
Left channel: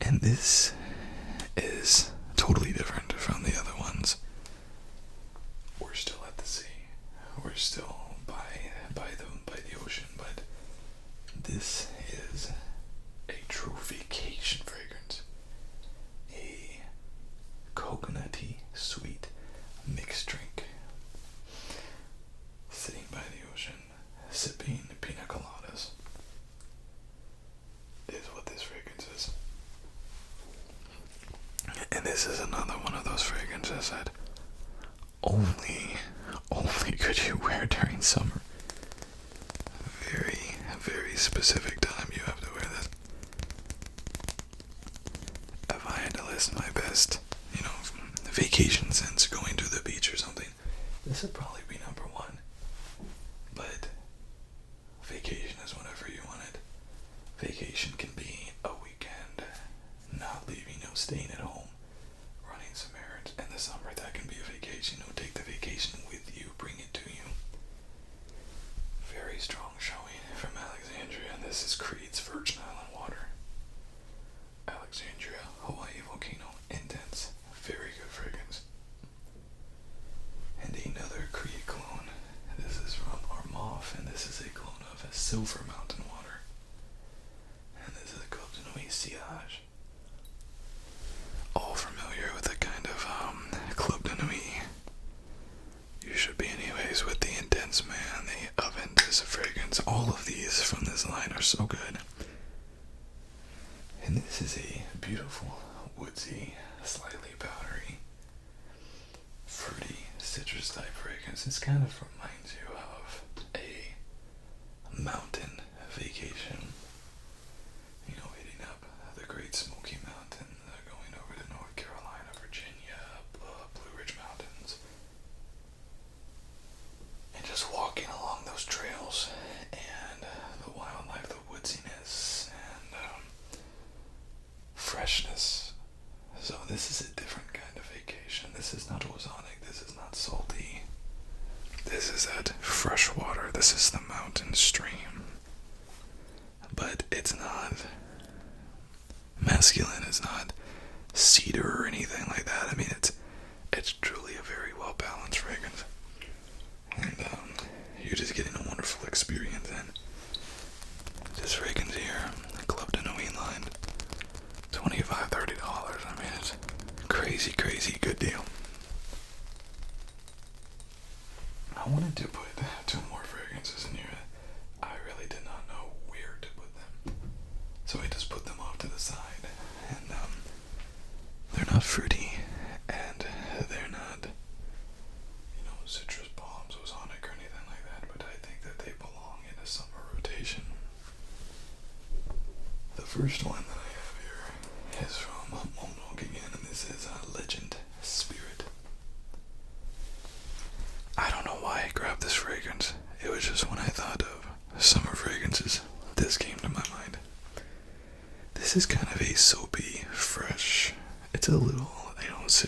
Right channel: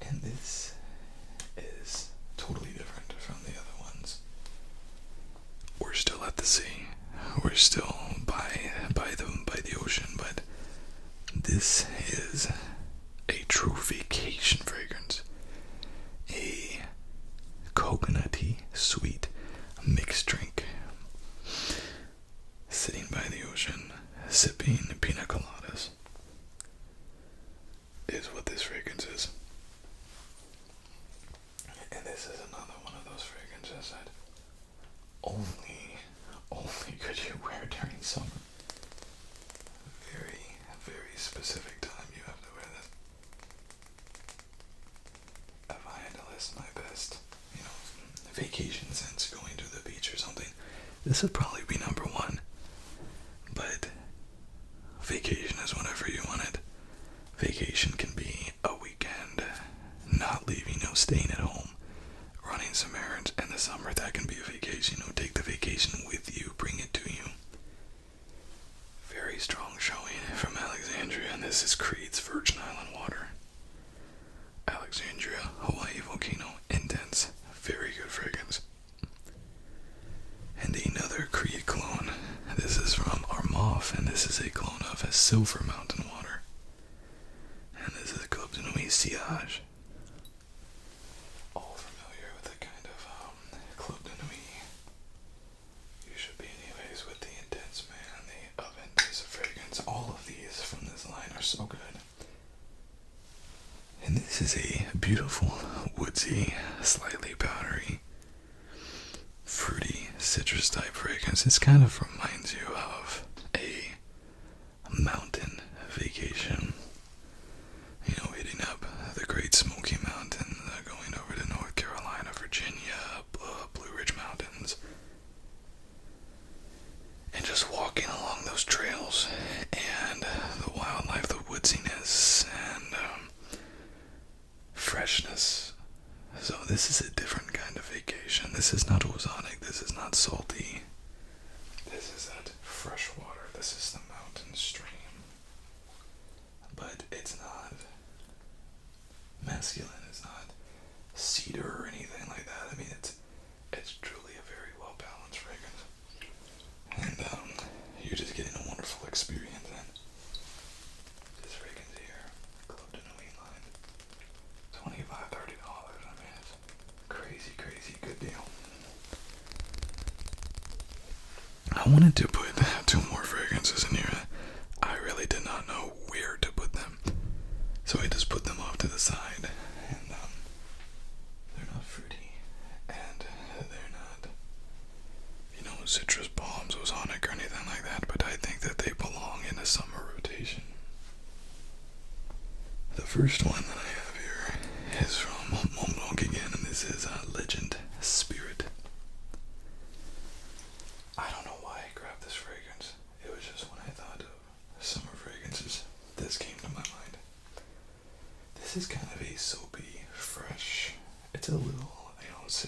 And this is totally different from the other ones. We're still at the sea. We're still by the ocean, but this is a true vacation fragrance. A coconutty sweet mixed drink. Sitting by the ocean, sipping pina coladas is what this fragrance is. And this is another one of those fragrances that only could you wear during summer. Very, very specific time you have to wear this. If I had to list my best, vacation since going to the beach or something, this would probably be number one. But vacation is whenever you want it. Vacation can be a weekend, not leaving, staying at home, running some errands. In the summer, that can be a vacation. Take the vacation with you, bring it to you. Very strong showing from Alexandria, and this is Creed's Virgin Island Water. Alexandria, Hawaii Volcano Intense. Very good fragrance. And another Creed clone. This is from Armaf, and this is a clone of a Silver Mountain Water. And this is Club de Nuit Sillage. All familiar with the kind of Club de Nuit. You should be anyways with the Intense Man, the Oven This fragrance. All of these from this line are so good. And this is a beautiful, woodsy, slightly powdery, fruity, citrus type fragrance. This kind of reminds you of a mountain vacation. Hitting up the Great Smoky Mountains, going over to North Carolina, Virginia, Blue Ridge Mountains, and just walking along those trails and the wildlife, the woodsiness, and freshness. So this is a different kind of vacation. This is not ozonic. This is not salty. This is that fresh water. This is the mountain stream. But it's not masculine. It's not cedar or anything like that. I mean, it's truly a very well balanced fragrance. And you're just getting a wonderful experience. And this fragrance here, Club de Nuit line, $25, $30. I mean, it's crazy, crazy good deal. I wanted to put 2 more fragrances in here. I really did not know where to put them, so I just put them off to the side. And they're not fruity.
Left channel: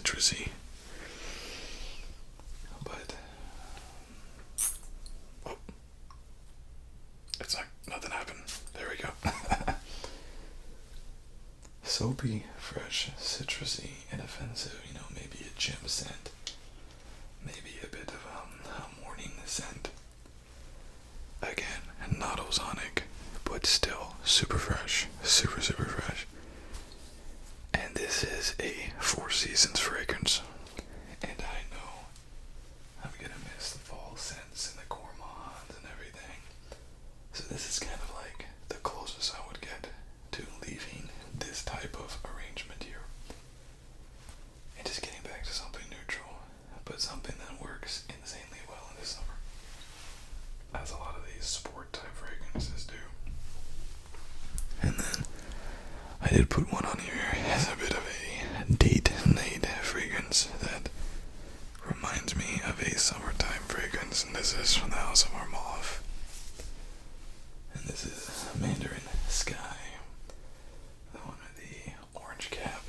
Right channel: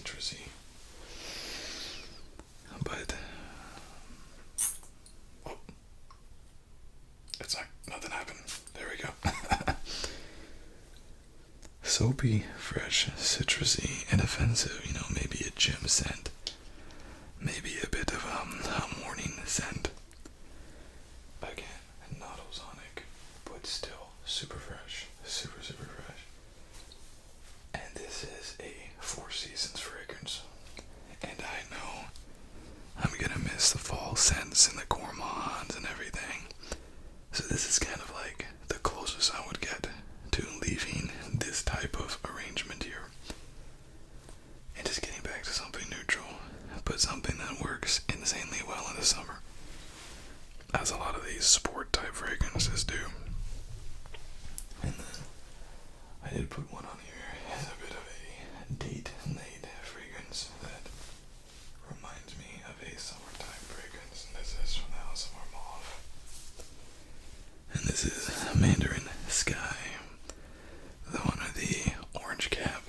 citrusy. But oh, it's like nothing happened. There we go. Soapy, fresh, citrusy, inoffensive. You know, maybe a gym scent, maybe a bit of a morning scent. Again, not ozonic, but still super fresh, super fresh. And this is a Four Seasons fragrance, and I know I'm gonna miss the fall scents and the gourmands and everything. So this is kind of like the closest I would get to leaving this type of arrangement here. And just getting back to something neutral, but something that works insanely well in the summer, as a lot of these sport type fragrances do. And then I did put one on here as a bit of a date night fragrance that reminds me of a summertime fragrance, and this is from the House of Armaf. And this is Mandarin Sky, the one with the orange cap.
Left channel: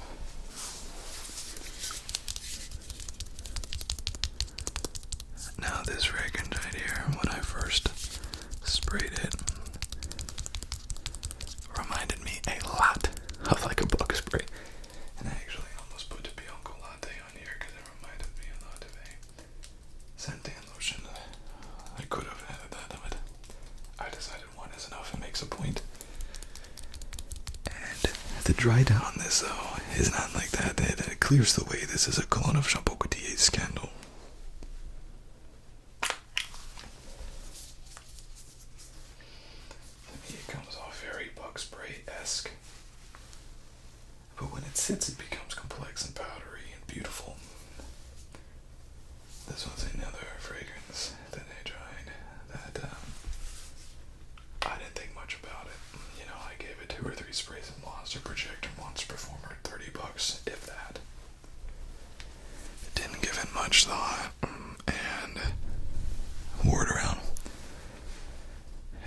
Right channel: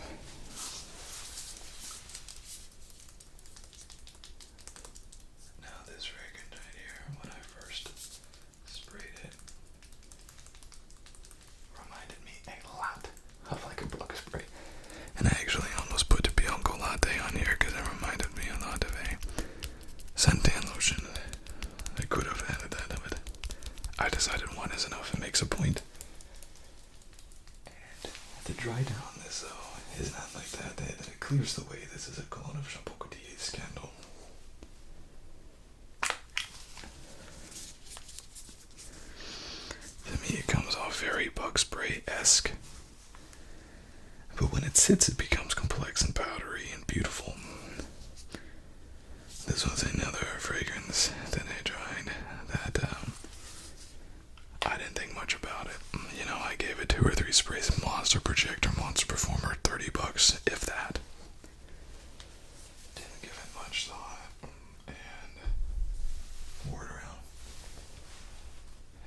Now this fragrance right here, when I first sprayed it, reminded me a lot of like a bug spray. And I actually almost put a Bianco latte on here because it reminded me a lot of a suntan lotion. I could have added that, but I decided one is enough. It makes a point. And the dry down on this though is not like that. It clears the way. This is a Cologne of Shampoo Couturier Scandal. To me, it comes off very bug spray-esque. But when it sits, it becomes complex and powdery and beautiful. This was another fragrance that I tried that I didn't think much about it. You know, I gave it 2 or 3 sprays of Monster Projector, Monster Performer, $30, if that. Didn't give it much thought, and wore it around.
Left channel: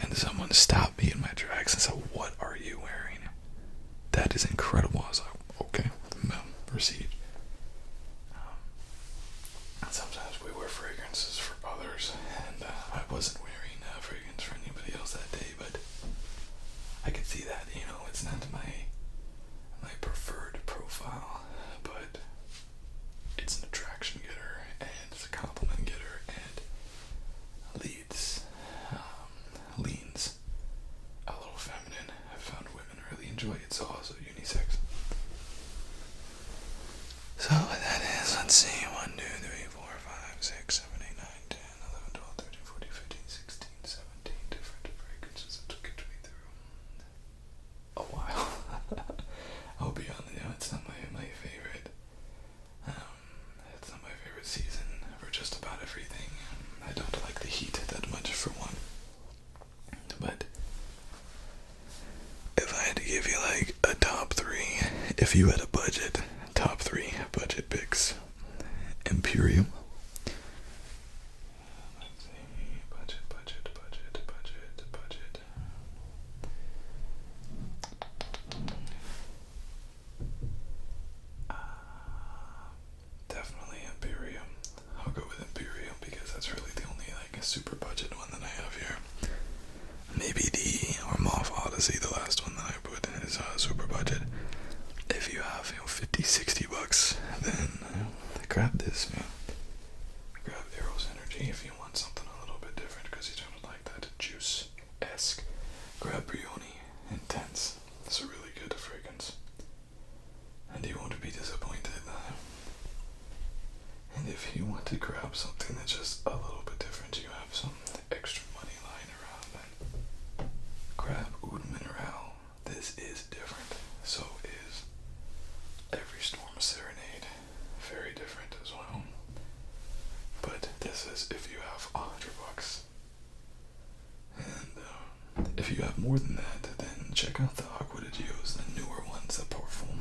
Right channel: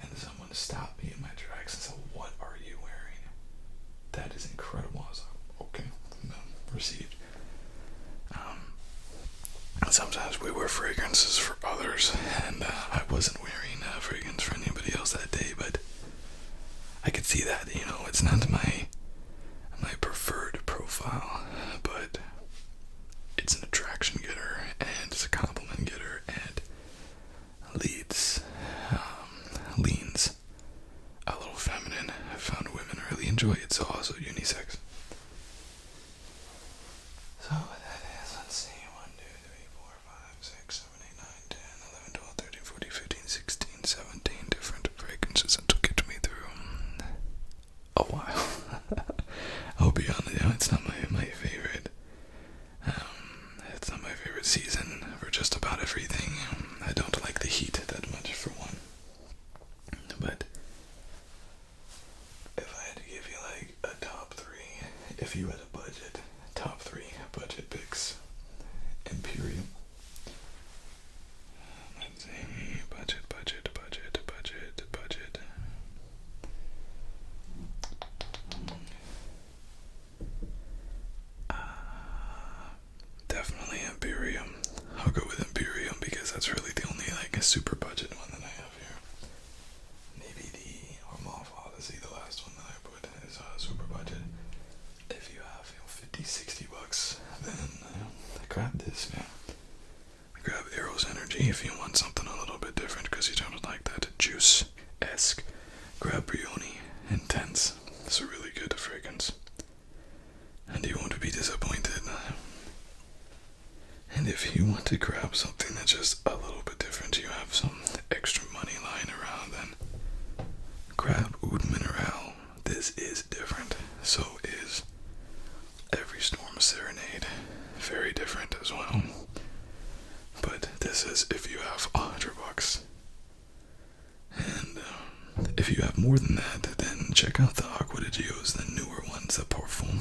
And someone stopped me in my tracks and said, "What are you wearing? That is incredible." I was like, okay, proceed. Sometimes we wear fragrances for others, and I wasn't wearing a fragrance for anybody else that day, but I could see that, you know, it's not my preferred profile, but it's an attraction getter, and it's a compliment getter, and leans a little feminine. I found women really enjoy it, so also unisex. So that is, let's see, 1, 2, 3, 4, 5, 6, 7, 8, 9, 10, 11, 12, 13, 14, 15, 16, 17 different fragrances that took it to me through a while. I'll be honest, yeah, it's not my favorite. It's not my favorite season for just about everything. I don't like the heat that much, for one. But if I had to give you like a top 3, if you had a budget, top 3 budget picks: Imperium. Let's see, budget. Definitely Imperium. I'll go with Imperium because that's really the only like super budget one that I have here. Maybe the Armaf Odyssey, the last one that I put, is super budget. If you have, you know, $50-$60, then grab this, man. Grab Eros Energy if you want something a little bit different because you don't like that juice-esque. Grab Brioni Intense. It's a really good fragrance, and you won't be disappointed. And if you want to grab something that's just a little bit different, you have some extra money lying around, then grab Oud Minerale. This is different. So is Every Storm Serenade. Very different as well. But this is if you have $100. And if you have more than that, then check out the Aqua de Gios, the newer ones, the Parfum.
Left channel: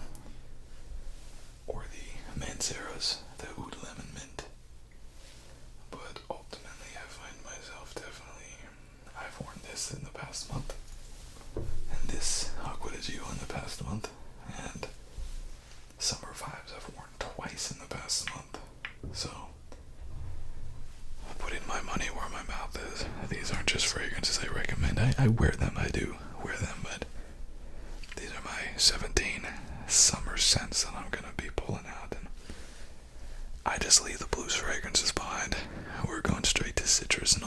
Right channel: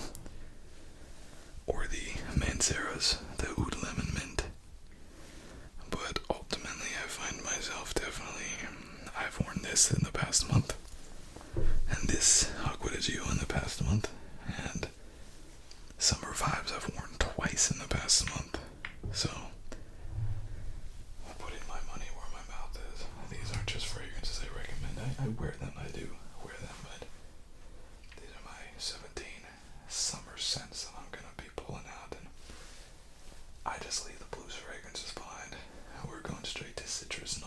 Or the Manceras, the Oud Lemon Mint. But ultimately, I find myself I've worn this in the past month, and this Aqua de Gio in the past month, and Summer Vibes I've worn twice in the past last month. So, putting my money where my mouth is. These aren't just fragrances I recommend. I wear them, I do wear them, but these are my 17 summer scents that I'm going to be pulling out. And I just leave the blues fragrances behind. We're going straight to citrus and